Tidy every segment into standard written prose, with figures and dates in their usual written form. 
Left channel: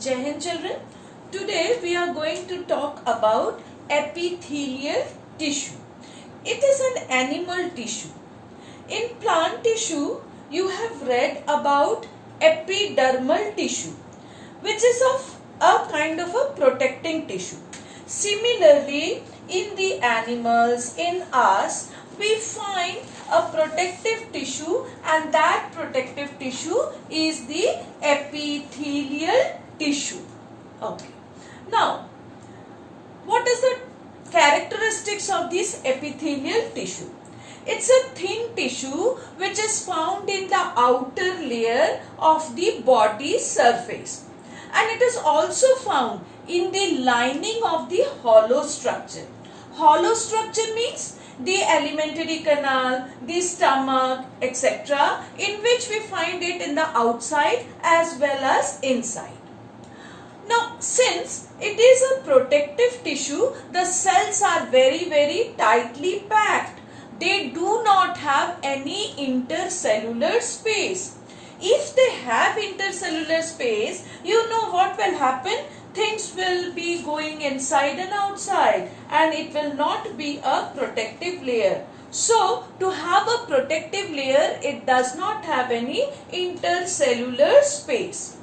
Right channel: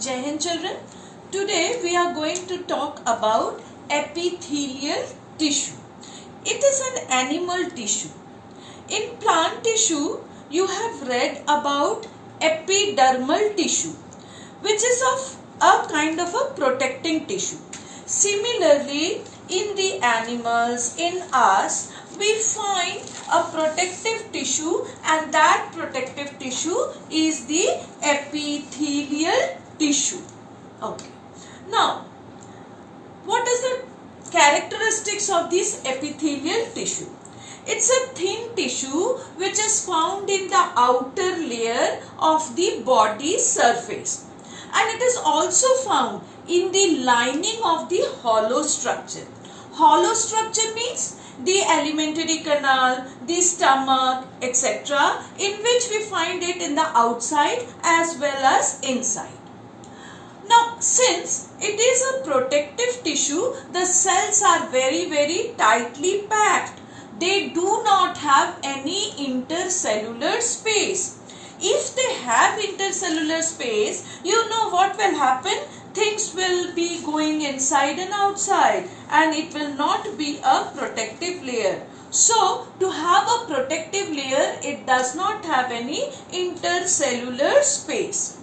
Jai Hind children. Today we are going to talk about epithelial tissue. It is an animal tissue. In plant tissue, you have read about epidermal tissue, which is of a kind of a protecting tissue. Similarly, in the animals, in us, we find a protective tissue, and that protective tissue is the epithelial tissue. Okay. Now, what is the characteristics of this epithelial tissue? It's a thin tissue which is found in the outer layer of the body surface, and it is also found in the lining of the hollow structure. Hollow structure means the alimentary canal, the stomach, etc., in which we find it in the outside as well as inside. Now, since it is a protective tissue, the cells are very tightly packed. They do not have any intercellular space. If they have intercellular space, you know what will happen? Things will be going inside and outside, and it will not be a protective layer. So, to have a protective layer, it does not have any intercellular space.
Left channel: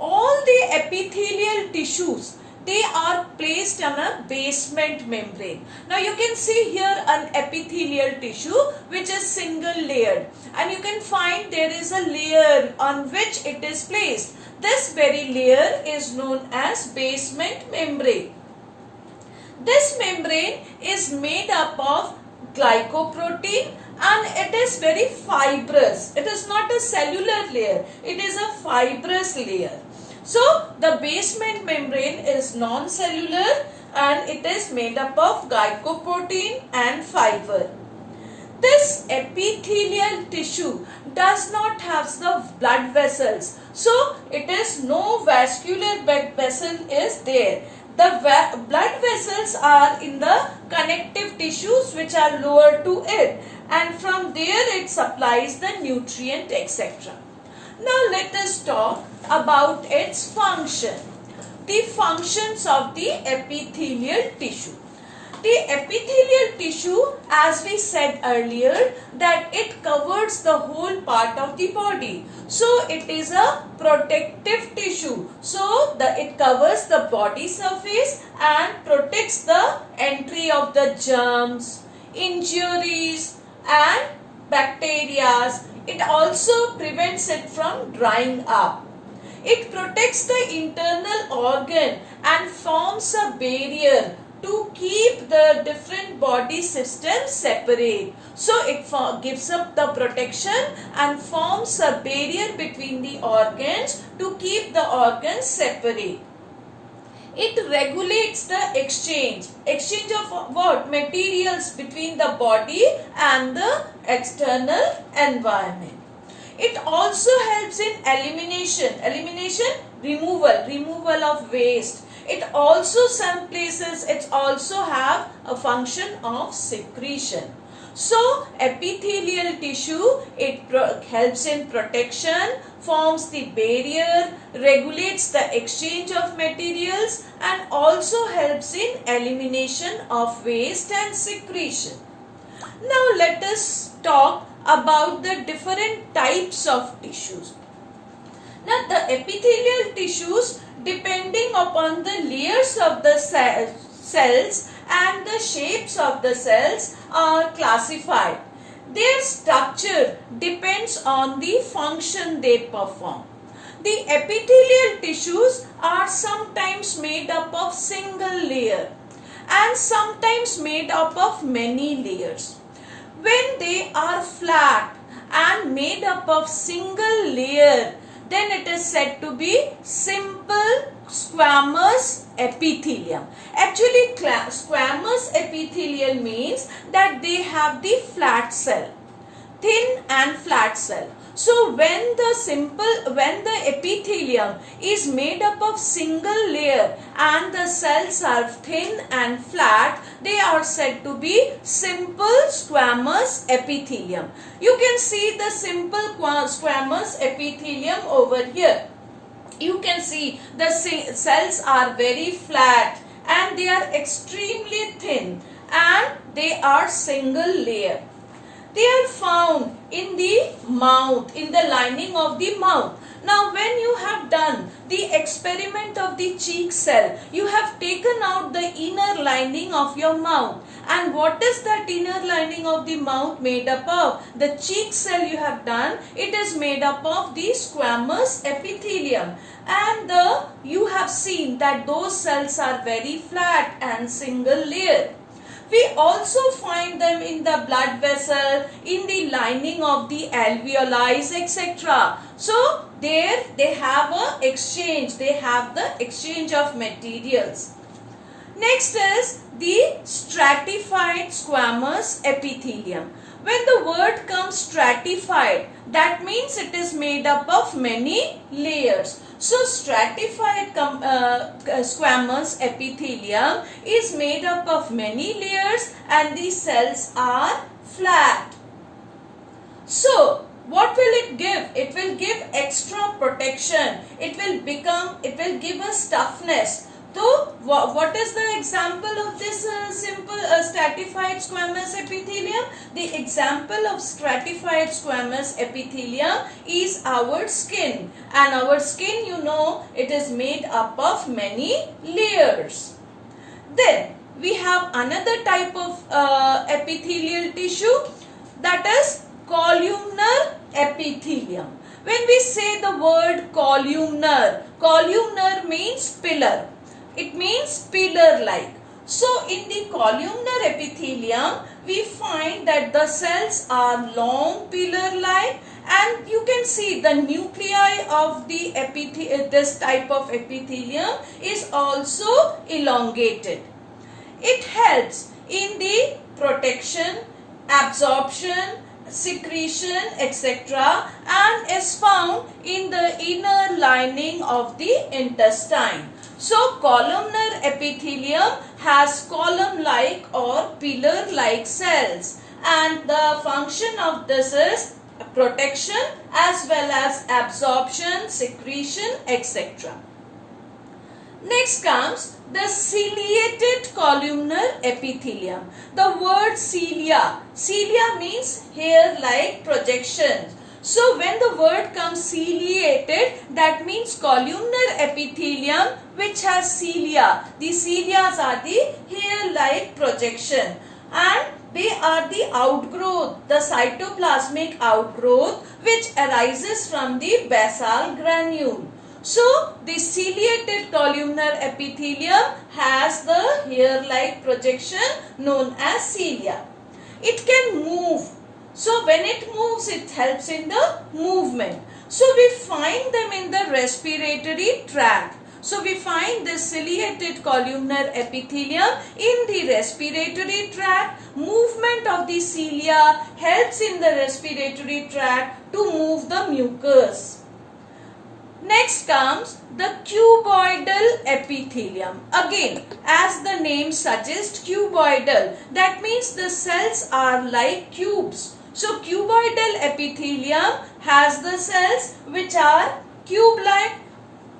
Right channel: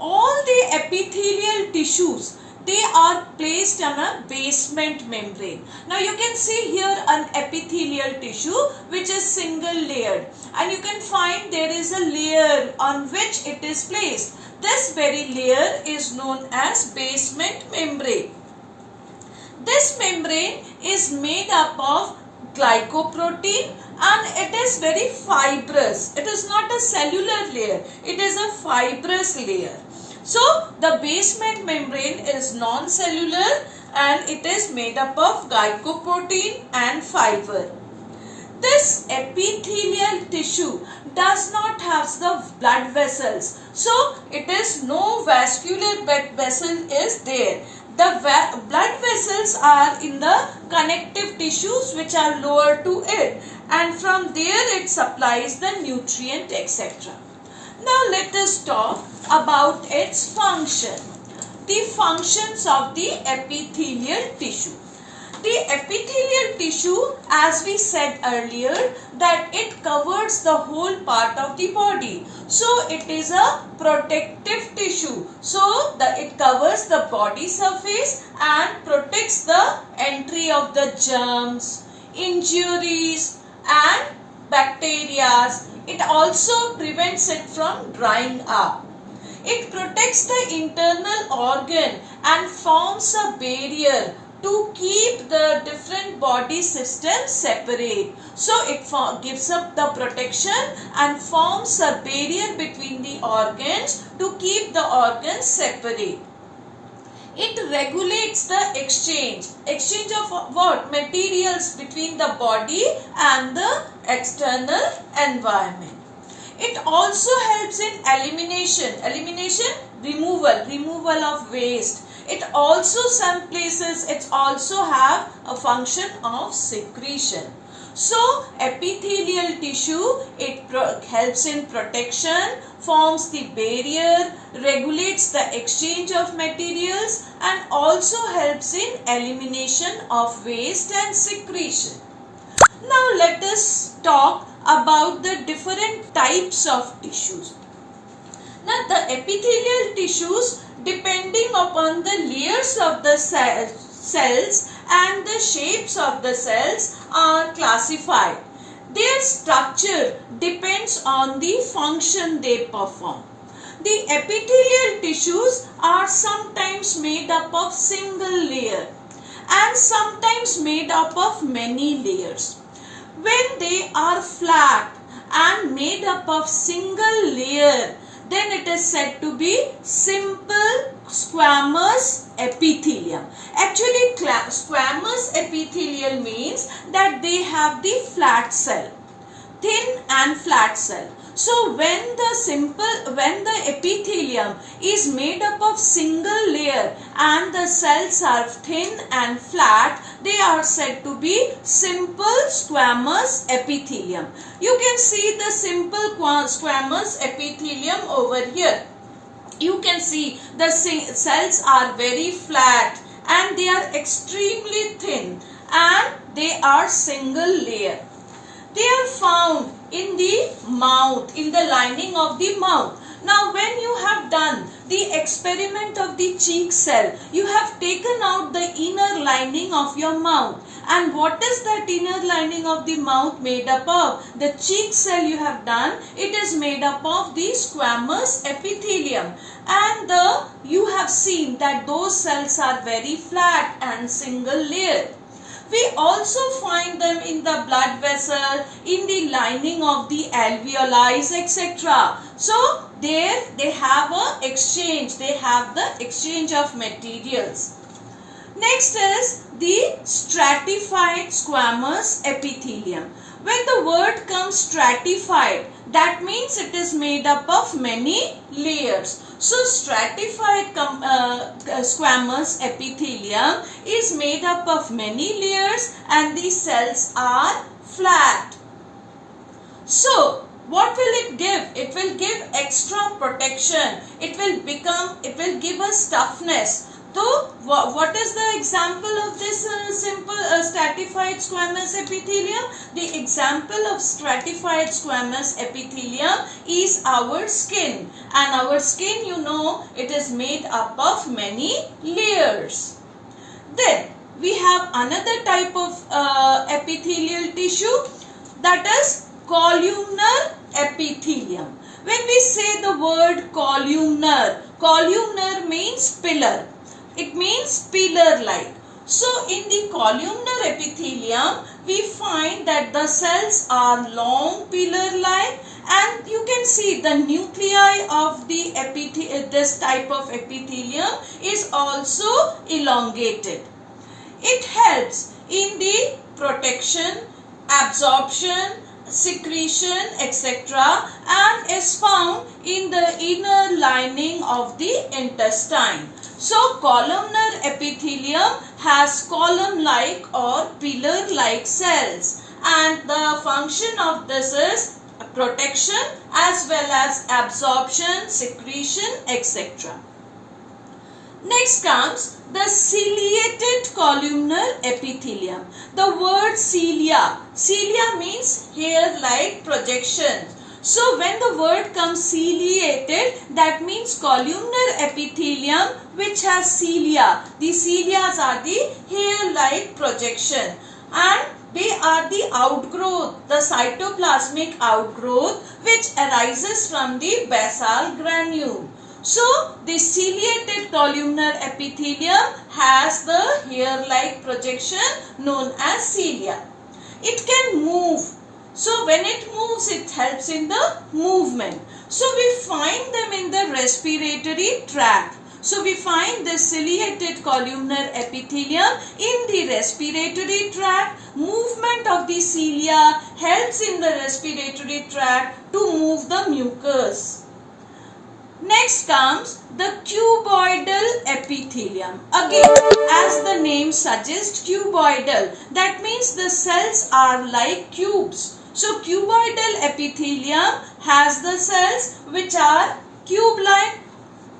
All the epithelial tissues, they are placed on a basement membrane. Now you can see here an epithelial tissue which is single layered, and you can find there is a layer on which it is placed. This very layer is known as basement membrane. This membrane is made up of glycoprotein, and it is very fibrous. It is not a cellular layer, it is a fibrous layer. So, the basement membrane is non-cellular and it is made up of glycoprotein and fiber. This epithelial tissue does not have the blood vessels. So, it is no vascular blood vessel is there. The blood vessels are in the connective tissues which are lower to it, and from there it supplies the nutrient, etc. Now let us talk about its function. The functions of the epithelial tissue. The epithelial tissue, as we said earlier, that it covers the whole part of the body. So it is a protective tissue. So it covers the body surface and protects the entry of the germs, injuries and bacteria. It also prevents it from drying up. It protects the internal organ and forms a barrier to keep the different body systems separate. So it gives up the protection and forms a barrier between the organs to keep the organs separate. It regulates the exchange of what? Materials between the body and the external environment. It also helps in elimination, removal of waste. It also, some places, it also have a function of secretion. So, epithelial tissue, it helps in protection, forms the barrier, regulates the exchange of materials, and also helps in elimination of waste and secretion. Now, let us talk about the different types of tissues. Now, the epithelial tissues, depending upon the layers of the cells and the shapes of the cells, are classified. Their structure depends on the function they perform. The epithelial tissues are sometimes made up of single layer and sometimes made up of many layers. When they are flat and made up of single layer, then it is said to be simple squamous epithelium. Actually, squamous epithelium means that they have the flat cell, thin and flat cell. So when the epithelium is made up of single layer and the cells are thin and flat, they are said to be simple squamous epithelium. You can see the simple squamous epithelium over here. You can see the cells are very flat and they are extremely thin and they are single layer. They are found in the mouth, in the lining of the mouth. Now when you have done the experiment of the cheek cell, you have taken out the inner lining of your mouth. And what is that inner lining of the mouth made up of? The cheek cell you have done, it is made up of the squamous epithelium. And you have seen that those cells are very flat and single layer. We also find them in the blood vessel, in the lining of the alveoli, etc. So there they have a exchange, they have the exchange of materials. Next is the stratified squamous epithelium. When the word comes stratified, that means it is made up of many layers. So stratified squamous epithelium is made up of many layers and the cells are flat. So what will it give? It will give extra protection. It will give us toughness. So what is the example of this simple stratified squamous epithelium? The example of stratified squamous epithelium is our skin. And our skin, you know, it is made up of many layers. Then we have another type of epithelial tissue, that is columnar epithelium. When we say the word columnar, columnar means pillar. It means pillar-like. So in the columnar epithelium, we find that the cells are long pillar-like, and you can see the nuclei of the this type of epithelium is also elongated. It helps in the protection, absorption, secretion, etc. and is found in the inner lining of the intestine. So columnar epithelium has column-like or pillar-like cells, and the function of this is protection as well as absorption, secretion, etc. Next comes the ciliated columnar epithelium. The word cilia, cilia means hair-like projections. So when the word comes ciliated, that means columnar epithelium which has cilia. The cilias are the hair-like projection and they are the outgrowth, the cytoplasmic outgrowth which arises from the basal granule. So the ciliated columnar epithelium has the hair-like projection known as cilia. It can move. So when it moves, it helps in the movement. So we find them in the respiratory tract. So we find the ciliated columnar epithelium in the respiratory tract. Movement of the cilia helps in the respiratory tract to move the mucus. Next comes the cuboidal epithelium. Again, as the name suggests, cuboidal. That means the cells are like cubes. So cuboidal epithelium has the cells which are cube-like.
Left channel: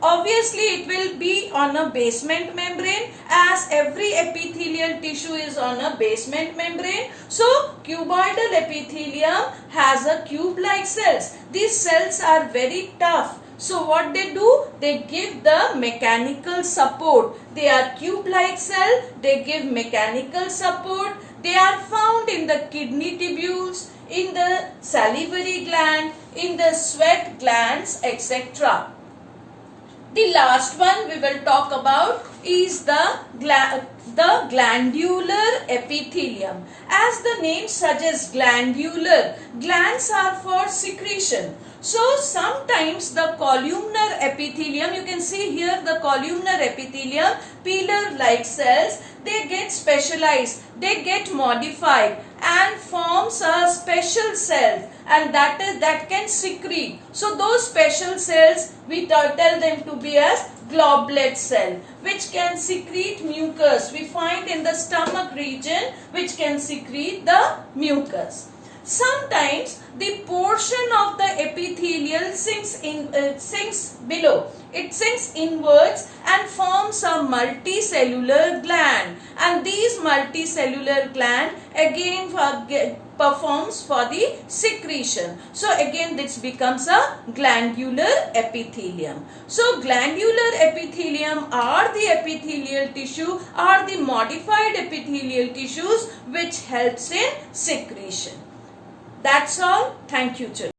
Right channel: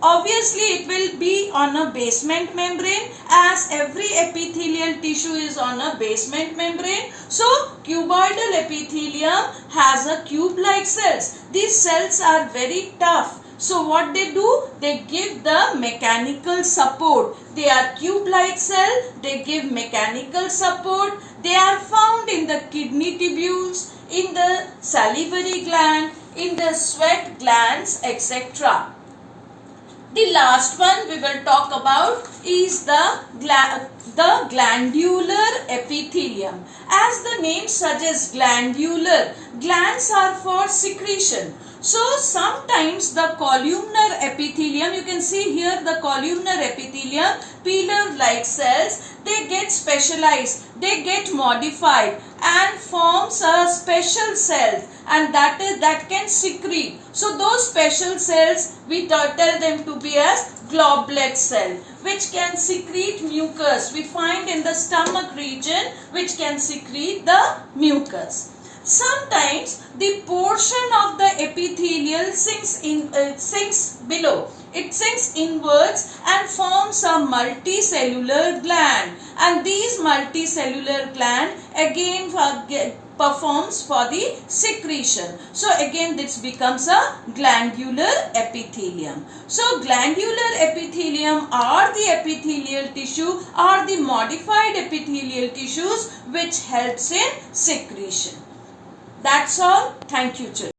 Obviously, it will be on a basement membrane, as every epithelial tissue is on a basement membrane. So cuboidal epithelium has a cube-like cells. These cells are very tough. So what they do? They give the mechanical support. They are cube-like cell. They give mechanical support. They are found in the kidney tubules, in the salivary gland, in the sweat glands, etc. The last one we will talk about is the glandular epithelium. As the name suggests, glandular, glands are for secretion. So sometimes the columnar epithelium, you can see here the columnar epithelium, pillar-like cells, they get specialized, they get modified and forms a special cell, and that can secrete. So those special cells we tell them to be as goblet cell, which can secrete mucus. We find in the stomach region which can secrete the mucus. Sometimes the portion of the epithelial sinks below. It sinks inwards and forms a multicellular gland, and these multicellular gland again performs for the secretion. So again this becomes a glandular epithelium. So glandular epithelium are the epithelial tissue or the modified epithelial tissues which helps in secretion. That's all. Thank you, children.